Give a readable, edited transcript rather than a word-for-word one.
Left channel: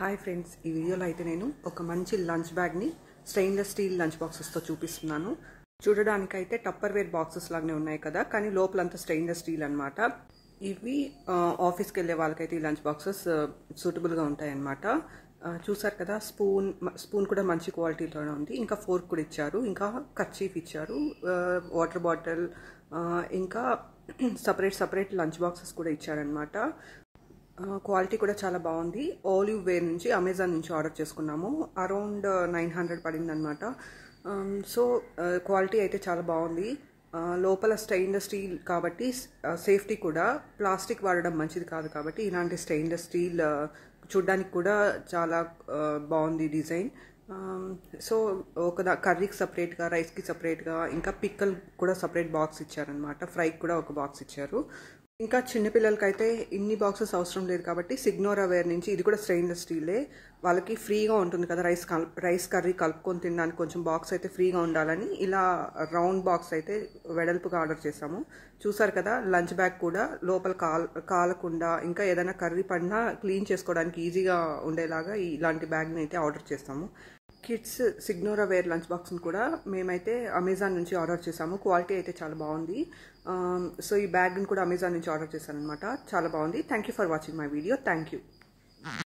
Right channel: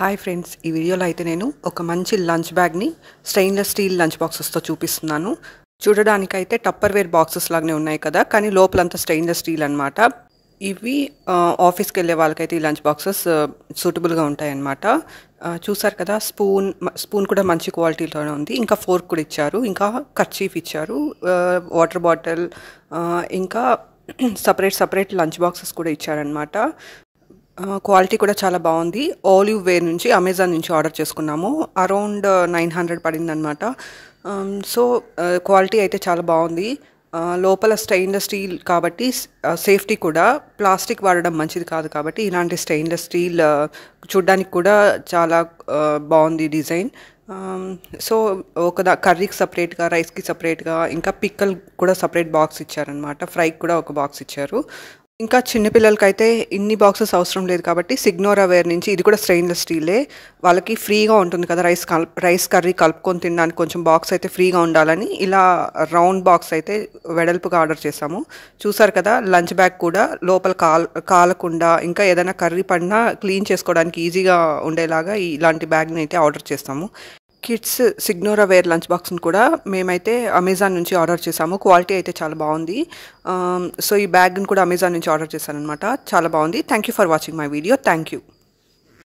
Hi friends, ఈ వీడియోలో అయితే నేను ఒక మంచి లంచ్ బ్యాగ్ని స్టెయిన్లెస్ స్టీల్ లంచ్ బాక్సెస్తో చూపిస్తున్నాను. చూడడానికైతే టప్పర్వేర్ బాక్సెస్ లాగానే ఉన్నాయి కదా, కానీ లోపలంతా స్టెయిన్లెస్ స్టీల్ అనమాట. ఇవి ఆఫీస్కి వెళ్ళే వాళ్ళకైతే ఈ లంచ్ బాక్సెస్ సూటబుల్గా ఉంటాయి అన్నమాట. చూసారు కదా, స్పూన్ కూడా మంచి క్వాలిటీలోనే ఉంది. ఇంకా ఫోర్క్ కూడా ఇచ్చారు, ఇంకా కర్చీఫ్ ఇచ్చారు, వాటర్ బాటిల్, ఇంకా సపరేట్ లంచ్ బాక్సెస్ కూడా ఇచ్చారనమాట. క్వాలిటీ కూడా చాలా బాగుంది. ఆలివ్ వేర్ నుంచి అమెజాన్ నుంచి ఆర్డర్ చేసుకున్నాము. అరౌండ్ 900 పడిందనమాట. సో క్వాలిటీ అయితే చాలా బాగుంది. లోపల స్టెయిన్లెస్ స్టీల్ కాబట్టి సేఫ్టీ కూడా, ప్లాస్టిక్ వాడడం మంచిది కాదు కాబట్టి ఇలాంటి స్టెయిన్లెస్ స్టీల్ చూడ్డానికి కూడా చాలా బాగుంది డిజైన్. సో కర్రీకి సపరేట్గా, రైస్కి సపరేట్గా, ఇంకా పిక్కల్ కూడా సపరేట్ బాక్స్ ఇచ్చారనమాట. ఫ్రైకి కూడా ఒక బాక్స్ ఇచ్చారు. ఇంకా చిన్నపిల్లలకైతే ఇన్ని బాక్సెస్ అవసరం లేదు కాబట్టి సిగ్నోరా వేర్ నుంచి ఇది కూడా స్టెయిన్లెస్ స్టీలే. వాళ్ళకి ఫ్రీగా ఉంటుంది కదా, రైస్ కర్రీ కలుపుకొని తినడానికి కొంచెం బాక్స్ అయితే ఫ్రీగా ఉండాలని ఇలా రౌండ్ బాక్స్ అయితే వెడల్పుగా ఆర్డర్ చేసాము. చూసారు కదా, లంచ్ బ్యాగ్ కూడా లోపల కాలకుండా, ఇంకా ఏదైనా కర్రీ పడినా క్లీన్ చేసుకోవడానికి ఈజీగా ఉండేలాగా ఇలాంటి బ్యాగ్ని అయితే ఆర్డర్ చేస్తాము. కిడ్స్ సిగ్నోరా వేర్ లంచ్ బాక్స్ని కూడా మేమైతే అమెజాన్ నుంచి ఆర్డర్ చేసాము. క్వాలిటీ అయితే చాలా బాగుంది. సో ఈ బ్యాగ్ని కూడా అమెజాన్ నుంచి ఆర్డర్ చేశాను అనమాట. చాలా బాగుంది. Thank you for watching my video. Thank you.